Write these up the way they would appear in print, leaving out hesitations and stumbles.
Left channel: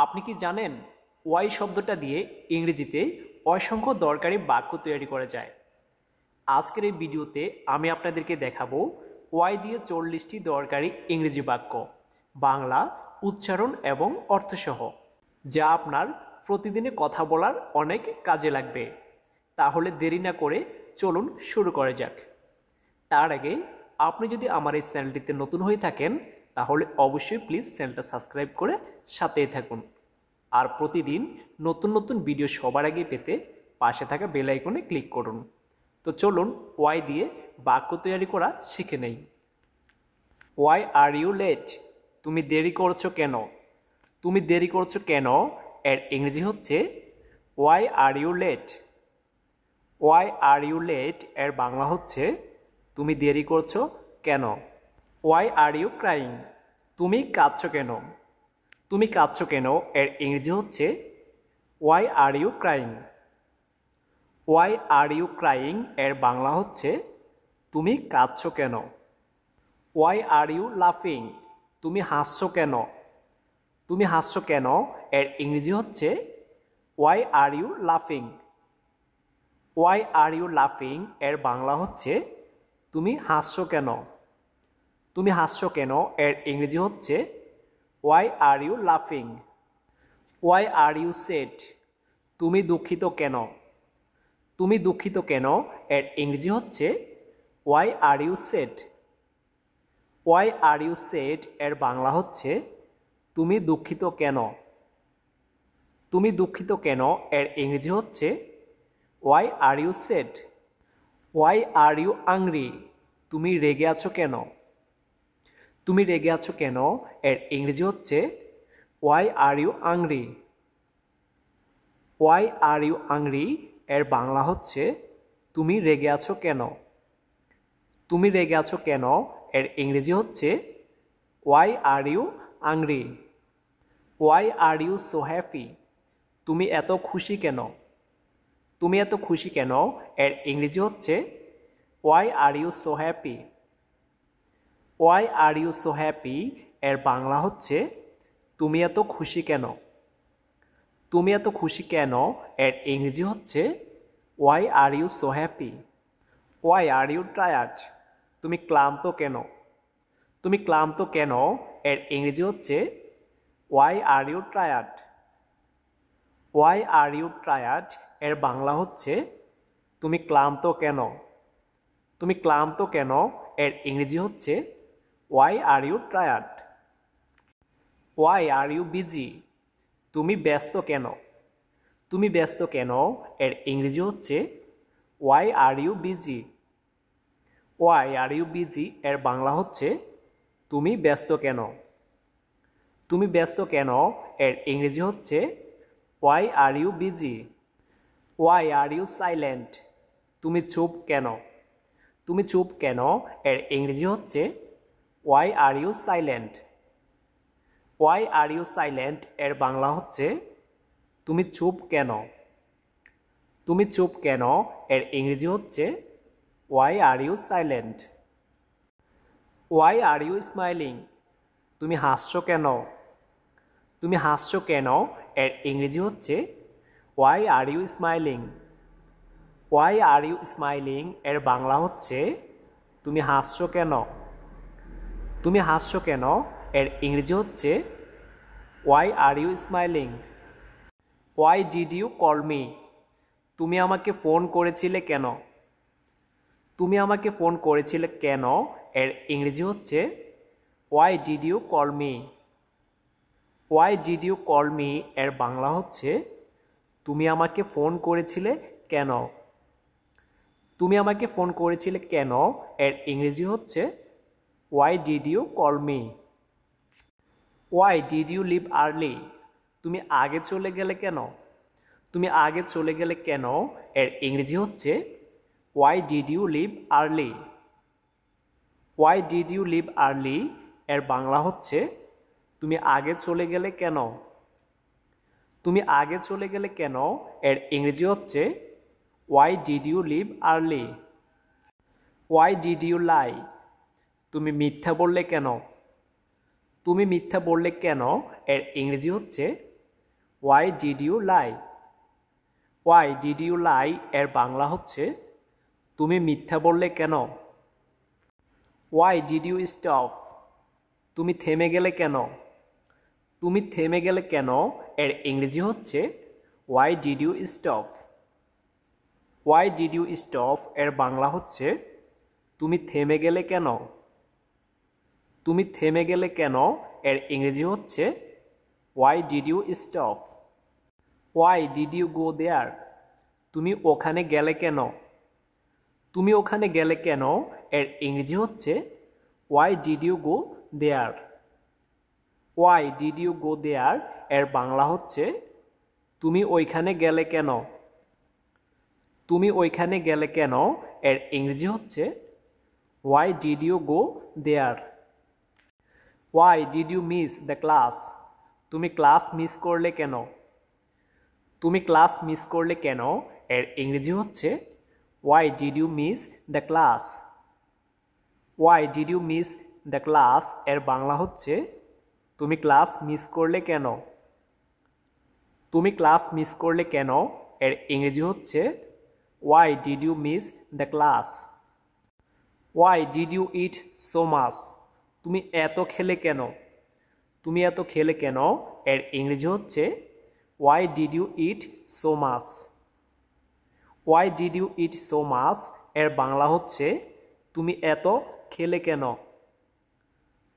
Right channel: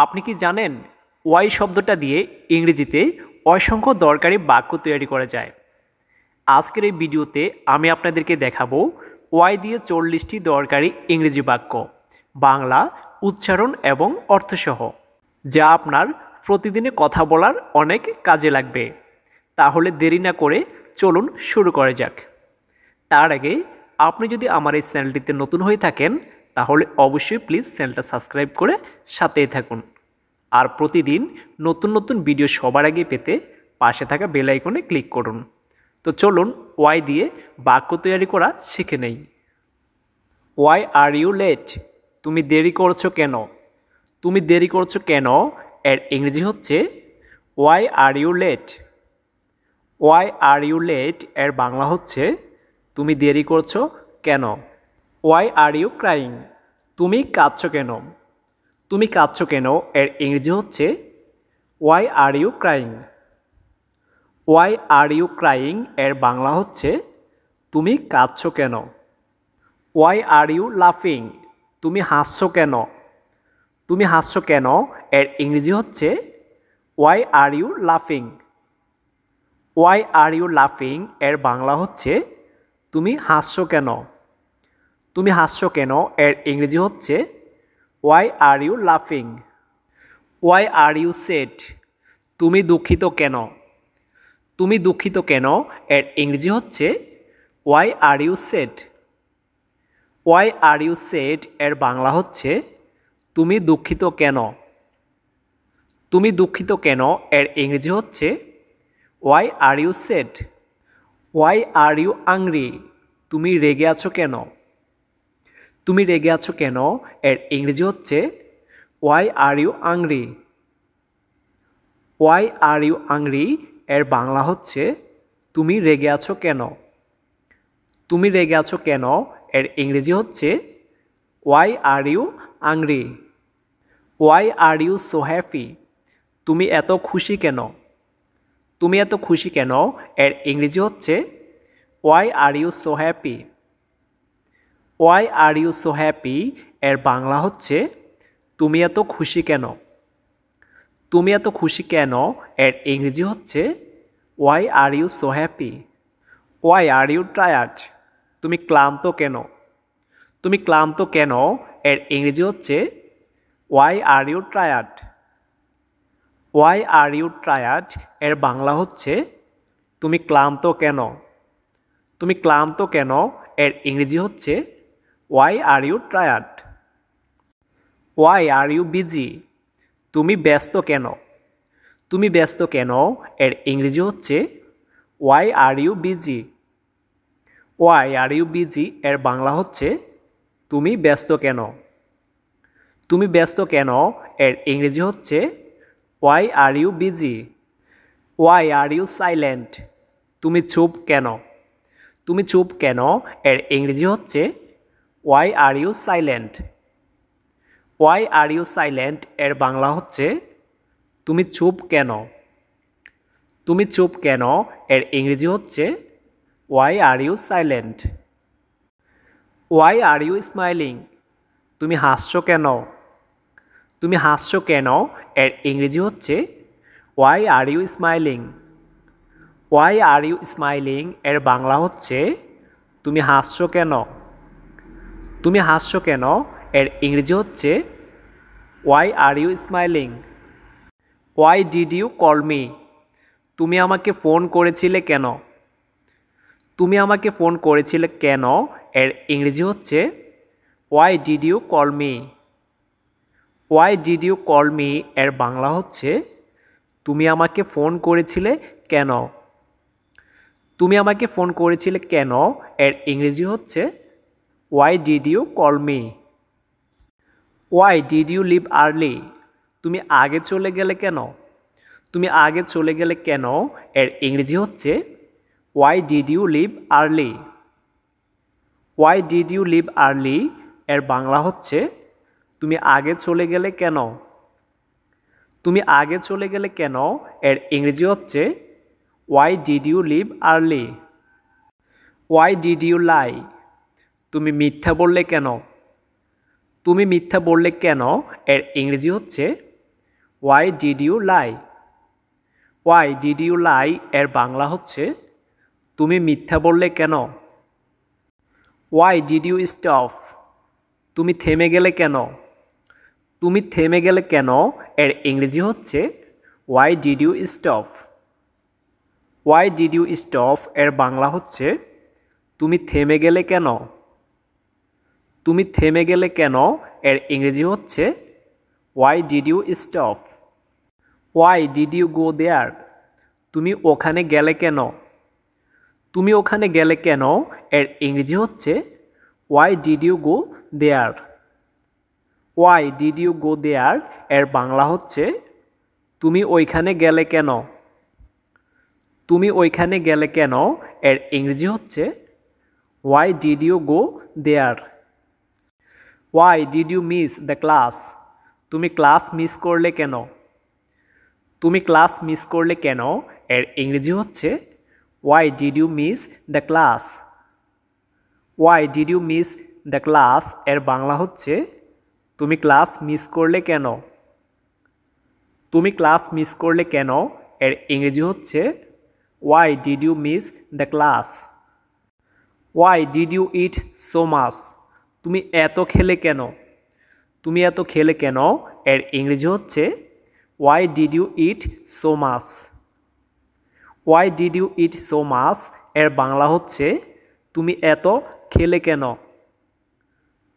আপনি কি জানেন ওয়াই শব্দটা দিয়ে ইংরেজিতে অসংখ্য দরকারি বাক্য তৈরি করা যায়। আজকের এই ভিডিওতে আমি আপনাদেরকে দেখাবো ওয়াই দিয়ে 40টি দরকারি ইংরেজি বাক্য, বাংলা উচ্চারণ এবং অর্থসহ, যা আপনার প্রতিদিনে কথা বলার অনেক কাজে লাগবে। তাহলে দেরি না করে চলুন শুরু করা যাক। তার আগে আপনি যদি আমার এই চ্যানেলটিতে নতুন হয়ে থাকেন তাহলে অবশ্যই প্লিজ চ্যানেলটা সাবস্ক্রাইব করে সাথেই থাকুন। আর প্রতিদিন নতুন নতুন ভিডিও সবার আগে পেতে পাশে থাকা বেল আইকনে ক্লিক করুন। তো চলুন ওয়াই দিয়ে বাক্য তৈরি করা শিখে নেই। Why are you late? তুমি দেরি করছো কেন? তুমি দেরি করছো কেন এর ইংরেজি হচ্ছে why are you late. Why are you late এর বাংলা হচ্ছে তুমি দেরি করছো কেন। Why are you crying? তুমি কাঁদছো কেন? তুমি কাঁদছো কেন এর ইংরেজি হচ্ছে why are you crying. Why are you crying এর বাংলা হচ্ছে তুমি কাঁদছো কেন। ওয়াই আর ইউ লাফিং? তুমি হাসছো কেন? তুমি হাসছো কেন এর ইংরেজি হচ্ছে ওয়াই আর ইউ লাফিং। ওয়াই আর ইউ লাফিং এর বাংলা হচ্ছে তুমি হাসছো কেন। তুমি হাসছো কেন এর ইংরেজি হচ্ছে ওয়াই আর ইউ লাফিং। Why are you sad? তুমি দুঃখিত কেন? তুমি দুঃখিত কেন এর ইংরেজি হচ্ছে why are you sad. Why are you sad এর বাংলা হচ্ছে তুমি দুঃখিত কেন। তুমি দুঃখিত কেন এর ইংরেজি হচ্ছে why are you sad. Why are you angry? তুমি রেগে আছো কেন? তুমি রেগে আছো কেন এর ইংরেজি হচ্ছে why are you angry. Why are you angry এর বাংলা হচ্ছে তুমি রেগে আছো কেন। তুমি রেগে আছো কেন এর ইংরেজি হচ্ছে why are you angry. Why are you so happy? তুমি এত খুশি কেন? তুমি এত খুশি কেন এর ইংরেজি হচ্ছে why are you so happy. Why are you so happy এর বাংলা হচ্ছে তুমি এত খুশি কেন। তুমি এত খুশি কেন এর ইংরেজি হচ্ছে why are you so happy. Why are you tired? তুমি ক্লান্ত কেন? তুমি ক্লান্ত কেন এর ইংরেজি হচ্ছে why are you tired. Why are you tired এর বাংলা হচ্ছে তুমি ক্লান্ত কেন। তুমি ক্লান্ত কেন এর ইংরেজি হচ্ছে why are you tired. Why are you busy? তুমি ব্যস্ত কেন? তুমি ব্যস্ত কেন এর ইংরেজি হচ্ছে why are you busy. Why are you busy এর বাংলা হচ্ছে তুমি ব্যস্ত কেন। তুমি ব্যস্ত কেন এর ইংরেজি হচ্ছে why are you busy. Why are you silent? তুমি চুপ কেন? তুমি চুপ কেন এর ইংরেজি হচ্ছে why are you silent. Why are you silent এর বাংলা হচ্ছে তুমি চুপ কেন। তুমি চুপ কেন এর ইংরেজি হচ্ছে why are you silent. Why are you smiling? তুমি হাসছো কেন? তুমি হাসছো কেন এর ইংরেজি হচ্ছে why are you smiling. Why are you smiling এর বাংলা হচ্ছে তুমি হাসছো কেন। তুমি হাসছো কেন এর ইংরেজি হচ্ছে why are you smiling. Why did you call me? তুমি আমাকে ফোন করেছিলে কেন? তুমি আমাকে ফোন করেছিলে কেন এর ইংরেজি হচ্ছে why did you call me. Why did you call me এর বাংলা হচ্ছে তুমি আমাকে ফোন করেছিলে কেন। তুমি আমাকে ফোন করেছিলে কেন এর ইংরেজি হচ্ছে why did you call me. Why did you leave early? তুমি আগে চলে গেলে কেন? তুমি আগে চলে গেলে কেন এর ইংরেজি হচ্ছে why did you leave early. Why did you leave early এর বাংলা হচ্ছে তুমি আগে চলে গেলে কেন। তুমি আগে চলে গেলে কেন এর ইংরেজি হচ্ছে why did you leave early. Why did you lie? তুমি মিথ্যা বললে কেন? তুমি মিথ্যা বললে কেন এর ইংরেজি হচ্ছে Why did you lie? Why did you lie এর বাংলা হচ্ছে তুমি মিথ্যা বললে কেন? Why did you stop? তুমি থেমে গেলে কেন? তুমি থেমে গেলে কেন এর ইংরেজি হচ্ছে Why did you stop? Why did you stop এর বাংলা হচ্ছে তুমি থেমে গেলে কেন? তুমি থেমে গেলে কেন এর ইংরেজি হচ্ছে Why did you stop? Why did you go there? তুমি ওখানে গেলে কেন? তুমি ওখানে গেলে কেন এর ইংরেজি হচ্ছে Why did you go there? Why did you go there এর বাংলা হচ্ছে তুমি ওইখানে গেলে কেন? তুমি ওইখানে গেলে কেন এর ইংরেজি হচ্ছে Why did you go there? Why did you miss the class? তুমি ক্লাস মিস করলে কেন? তুমি ক্লাস মিস করলে কেন এর ইংরেজি হচ্ছে Why did you miss the class? Why did you miss the class এর বাংলা হচ্ছে তুমি ক্লাস মিস করলে কেন? তুমি ক্লাস মিস করলে কেন এর ইংরেজি হচ্ছে Why did you miss the class? Why did you eat so much? তুমি এত খেলে কেন? তুমি এত খেলে কেন এর ইংরেজি হচ্ছে Why did you eat so much? Why did you eat so much এর বাংলা হচ্ছে তুমি এত খেলে কেন?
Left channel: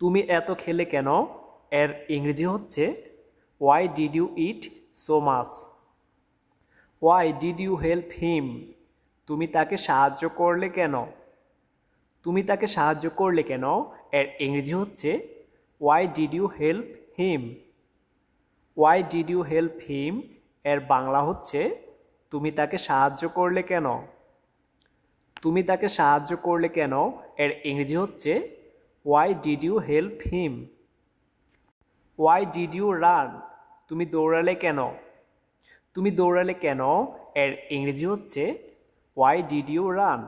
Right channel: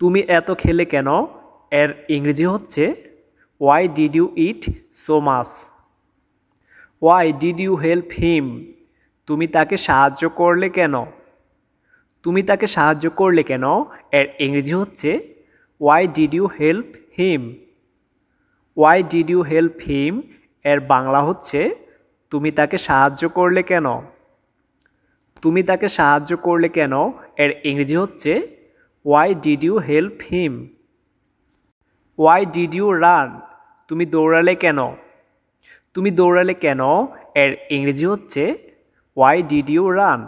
তুমি এত খেলে কেন এর ইংরেজি হচ্ছে Why did you eat so much? Why did you help him? তুমি তাকে সাহায্য করলে কেন? তুমি তাকে সাহায্য করলে কেন এর ইংরেজি হচ্ছে Why did you help him? Why did you help him এর বাংলা হচ্ছে তুমি তাকে সাহায্য করলে কেন? তুমি তাকে সাহায্য করলে কেন এর ইংরেজি হচ্ছে Why did you help him? Why did you run? তুমি দৌড়ালে কেন? তুমি দৌড়ালে কেন এর ইংরেজি হচ্ছে Why did you run?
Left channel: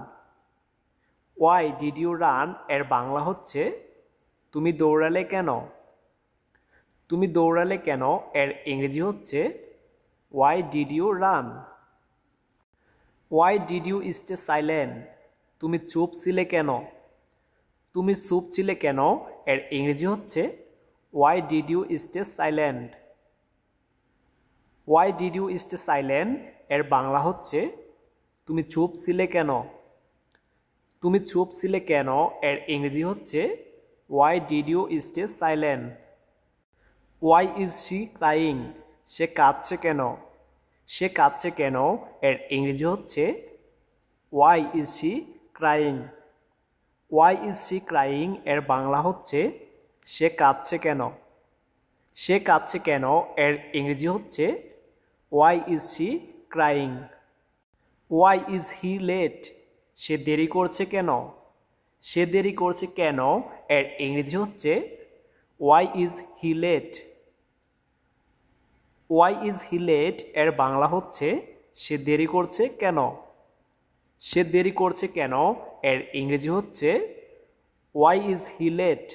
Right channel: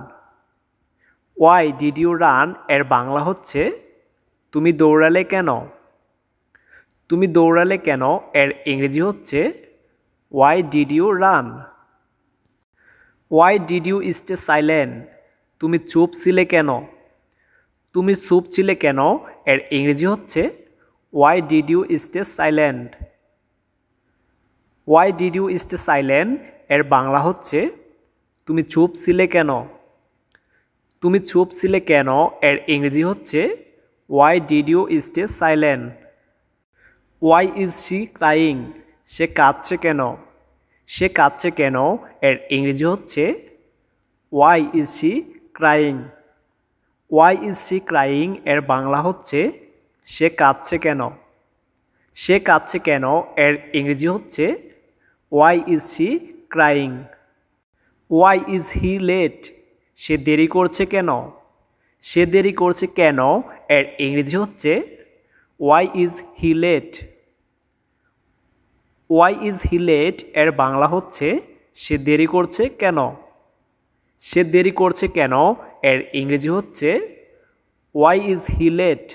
Why did you run এর বাংলা হচ্ছে তুমি দৌড়ালে কেন? তুমি দৌড়ালে কেন এর ইংরেজি হচ্ছে Why did you run? Why did you stay silent? তুমি চুপ ছিলে কেন? তুমি চুপ ছিলে কেন এর ইংরেজি হচ্ছে Why did you stay silent? Why did you stay silent এর বাংলা হচ্ছে তুমি চুপ ছিলে কেন? তুমি চুপ ছিলে কেন এর ইংরেজি হচ্ছে Why did you stay silent? Why is she crying? সে কাঁদছে কেন? সে কাঁদছে কেন এর ইংরেজি হচ্ছে Why is she crying? Why is she crying এর বাংলা হচ্ছে সে কাঁদছে কেন? সে কাঁদছে কেন এর ইংরেজি হচ্ছে Why is she crying? Why is he late? সে দেরি করছে কেন? সে দেরি করছে কেন এর ইংরেজি হচ্ছে Why is he late? Why is he late এর বাংলা হচ্ছে সে দেরি করছে কেন? সে দেরি করছে কেন এর ইংরেজি হচ্ছে Why is he late?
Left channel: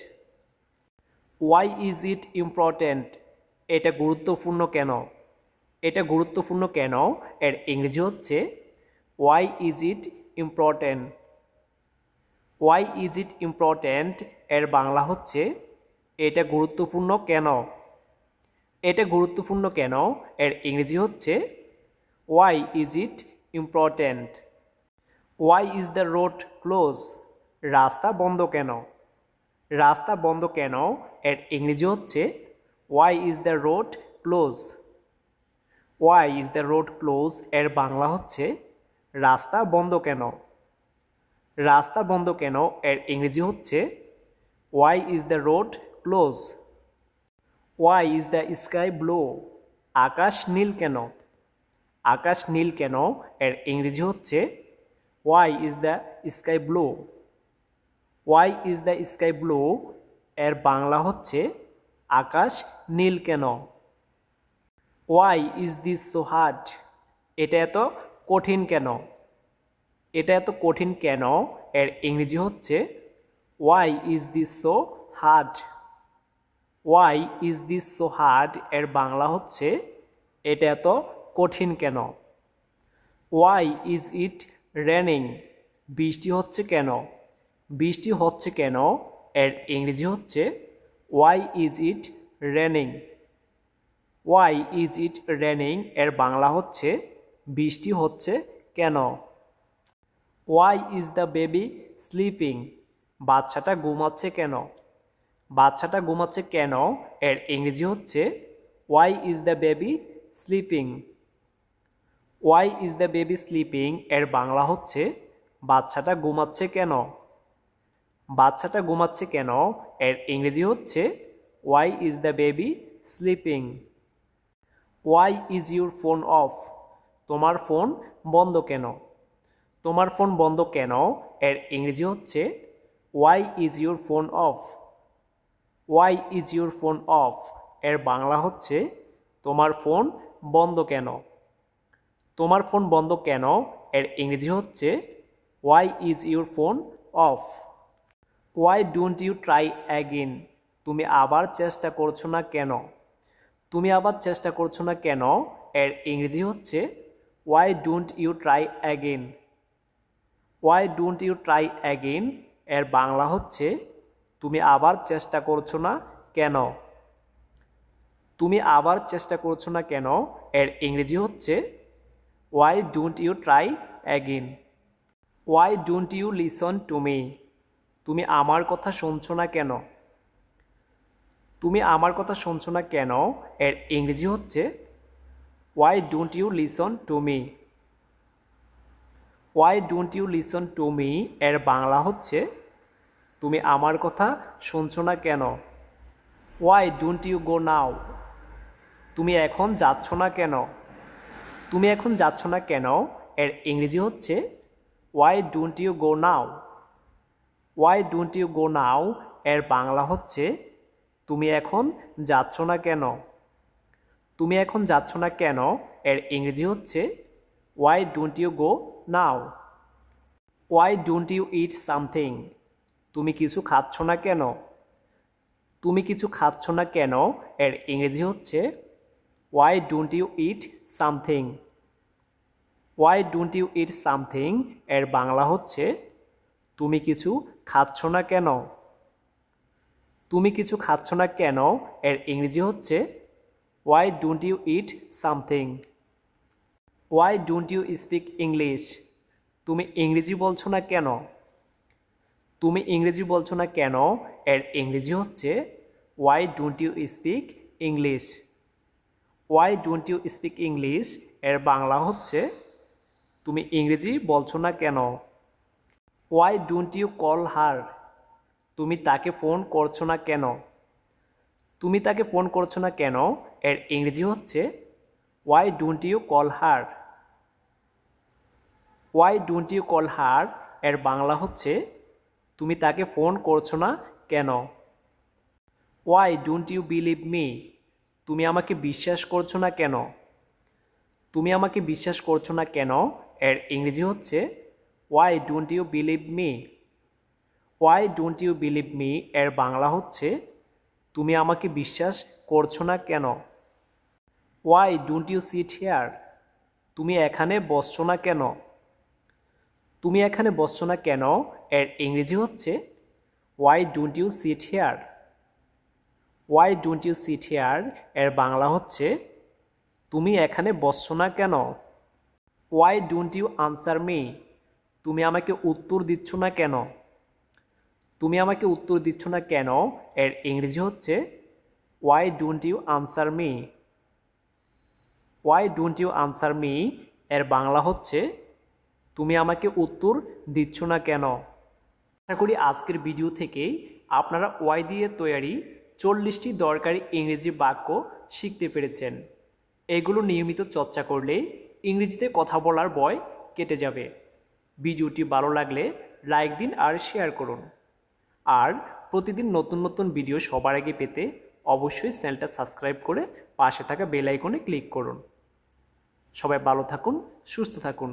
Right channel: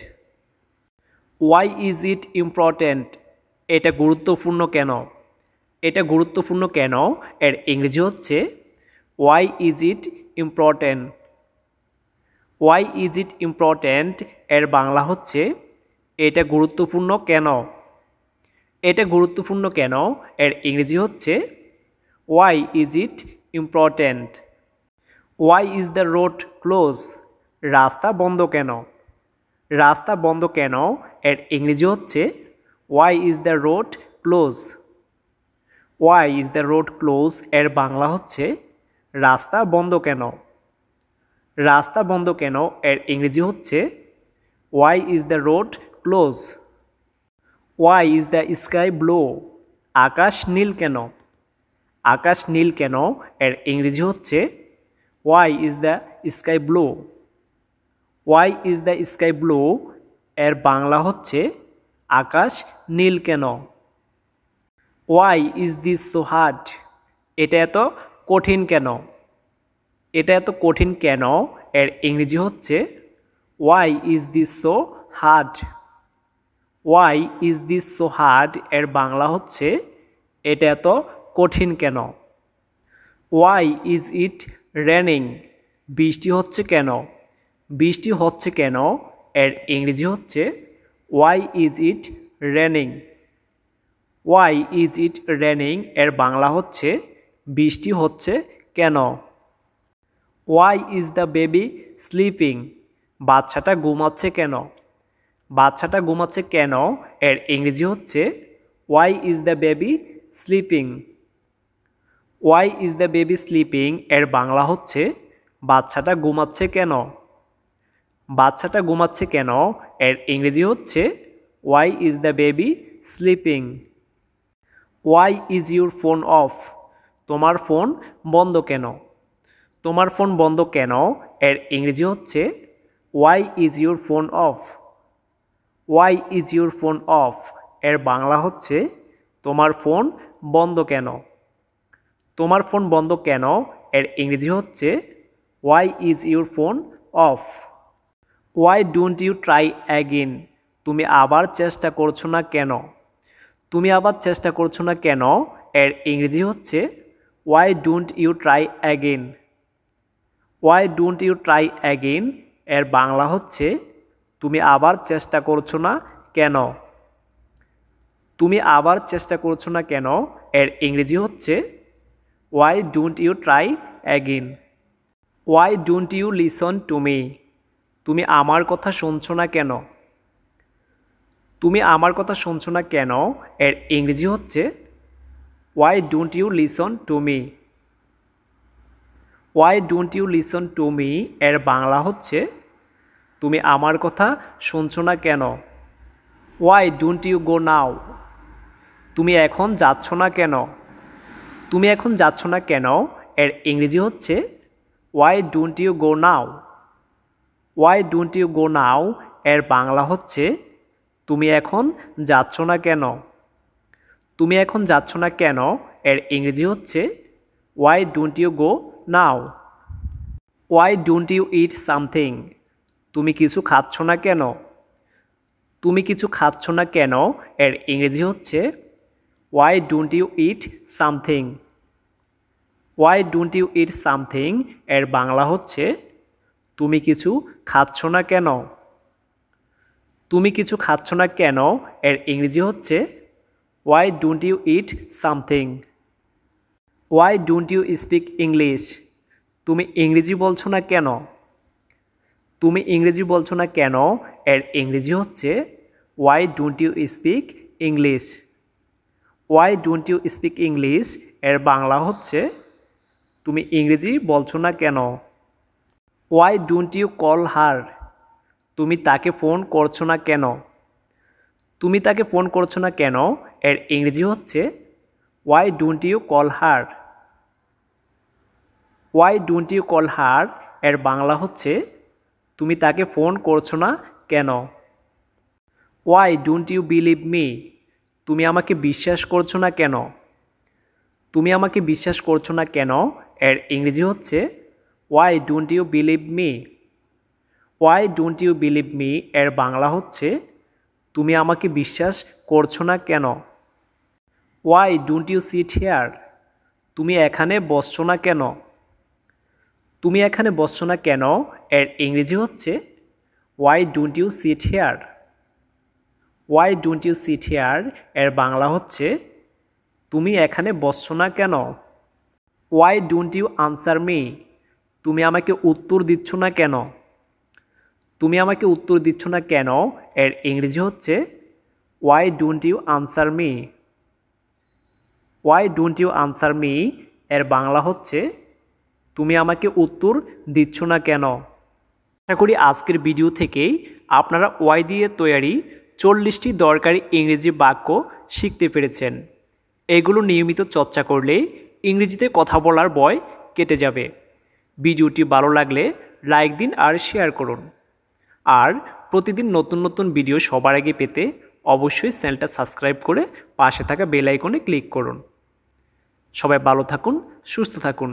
Why is it important? এটা গুরুত্বপূর্ণ কেন? এটা গুরুত্বপূর্ণ কেন এর ইংরেজি হচ্ছে Why is it important? Why is it important এর বাংলা হচ্ছে এটা গুরুত্বপূর্ণ কেন? এটা গুরুত্বপূর্ণ কেন এর ইংরেজি হচ্ছে Why is it important? Why is the road closed? রাস্তা বন্ধ কেন? রাস্তা বন্ধ কেন এর ইংরেজি হচ্ছে Why is the road closed? Why is the road closed এর বাংলা হচ্ছে রাস্তা বন্ধ কেন? রাস্তা বন্ধ কেন এর ইংরেজি হচ্ছে Why is the road closed? Why is the sky blue? আকাশ নীল কেন? আকাশ নীল কেন এর ইংরেজি হচ্ছে Why is the sky blue? Why is the sky blue এর বাংলা হচ্ছে আকাশ নীল কেন? Why is this so hard? এটা এত কঠিন কেন? এটা এত কঠিন কেন এর ইংরেজি হচ্ছে Why is this so hard? Why is this so hard এর বাংলা হচ্ছে এটা এত কঠিন কেন? Why is it raining? বৃষ্টি হচ্ছে কেন? বৃষ্টি হচ্ছে কেন এর ইংরেজি হচ্ছে why is it raining. Why is it raining এর বাংলা হচ্ছে বৃষ্টি হচ্ছে কেন? Why is the baby sleeping? বাচ্চাটা ঘুমাচ্ছে কেন? বাচ্চাটা ঘুমাচ্ছে কেন এর ইংরেজি হচ্ছে why is the baby sleeping. Why is the baby sleeping এর বাংলা হচ্ছে বাচ্চাটা ঘুমাচ্ছে কেন? বাচ্চাটা ঘুমাচ্ছে কেন এর ইংরেজি হচ্ছে why is the baby sleeping. Why is your phone off? তোমার ফোন বন্ধ কেন? তোমার ফোন বন্ধ কেন এর ইংরেজি হচ্ছে why is your phone off. Why is your phone off এর বাংলা হচ্ছে তোমার ফোন বন্ধ কেন? তোমার ফোন বন্ধ কেন এর ইংরেজি হচ্ছে why is your phone off. Why don't you try again? তুমি আবার চেষ্টা করছো না কেন? তুমি আবার চেষ্টা করছো না কেন এর ইংরেজি হচ্ছে why don't you try again. Why don't you try again এর বাংলা হচ্ছে তুমি আবার চেষ্টা করছো না কেন? তুমি আবার চেষ্টা করছো না কেন এর ইংরেজি হচ্ছে why don't you try again. Why don't you listen to me? তুমি আমার কথা শুনছো না কেন? তুমি আমার কথা শুনছো না কেন এর ইংরেজি হচ্ছে why don't you listen to me. Why don't you listen to me এর বাংলা হচ্ছে তুমি আমার কথা শুনছো না কেন? Why don't you go now? তুমি এখন যাচ্ছ না কেন? তুমি এখন যাচ্ছ না কেন এর ইংরেজি হচ্ছে why don't you go now. Why don't you go now এর বাংলা হচ্ছে তুমি এখন যাচ্ছ না কেন? তুমি এখন যাচ্ছ না কেন এর ইংরেজি হচ্ছে why don't you go now. Why don't you eat something? তুমি কিছু খাচ্ছ না কেন? তুমি কিছু খাচ্ছ না কেন এর ইংরেজি হচ্ছে why don't you eat something. Why don't you eat something এর বাংলা হচ্ছে তুমি কিছু খাচ্ছ না কেন? তুমি কিছু খাচ্ছ না কেন এর ইংরেজি হচ্ছে why don't you eat something. Why don't you speak English? তুমি ইংরেজি বলছো না কেন? তুমি ইংরেজি বলছো না কেন এর ইংরেজি হচ্ছে why don't you speak English. Why don't you speak English এর বাংলা হচ্ছে তুমি ইংরেজি বলছো না কেন? Why don't you call her? তুমি তাকে ফোন করছো না কেন? তুমি তাকে ফোন করছো না কেন এর ইংরেজি হচ্ছে why don't you call her. Why don't you call her এর বাংলা হচ্ছে তুমি তাকে ফোন করছো না কেন? Why don't you believe me? তুমি আমাকে বিশ্বাস করছো না কেন? তুমি আমাকে বিশ্বাস করছো না কেন এর ইংরেজি হচ্ছে why don't you believe me. Why don't you believe me এর বাংলা হচ্ছে তুমি আমাকে বিশ্বাস করছো না কেন? Why don't you sit here? তুমি এখানে বসছো না কেন? তুমি এখানে বসছো না কেন এর ইংরেজি হচ্ছে why don't you sit here. Why don't you sit here এর বাংলা হচ্ছে তুমি এখানে বসছো না কেন? Why don't you answer me? তুমি আমাকে উত্তর দিচ্ছ না কেন? তুমি আমাকে উত্তর দিচ্ছ না কেন এর ইংরেজি হচ্ছে why don't you answer me. Why don't you answer me এর বাংলা হচ্ছে তুমি আমাকে উত্তর দিচ্ছ না কেন? আশা করি আজকের ভিডিও থেকেই আপনারা ওয়াই দিয়ে তৈরি 40টি দরকারি ইংরেজি বাক্য শিখতে পেরেছেন। এগুলো নিয়মিত চর্চা করলে ইংরেজিতে কথা বলার ভয় কেটে যাবে। ভিডিওটি ভালো লাগলে লাইক দিন আর শেয়ার করুন। আর প্রতিদিন নতুন নতুন ভিডিও সবার আগে পেতে অবশ্যই চ্যানেলটা সাবস্ক্রাইব করে পাশে থাকা বেল আইকনে ক্লিক করুন। সবাই ভালো থাকুন, সুস্থ থাকুন।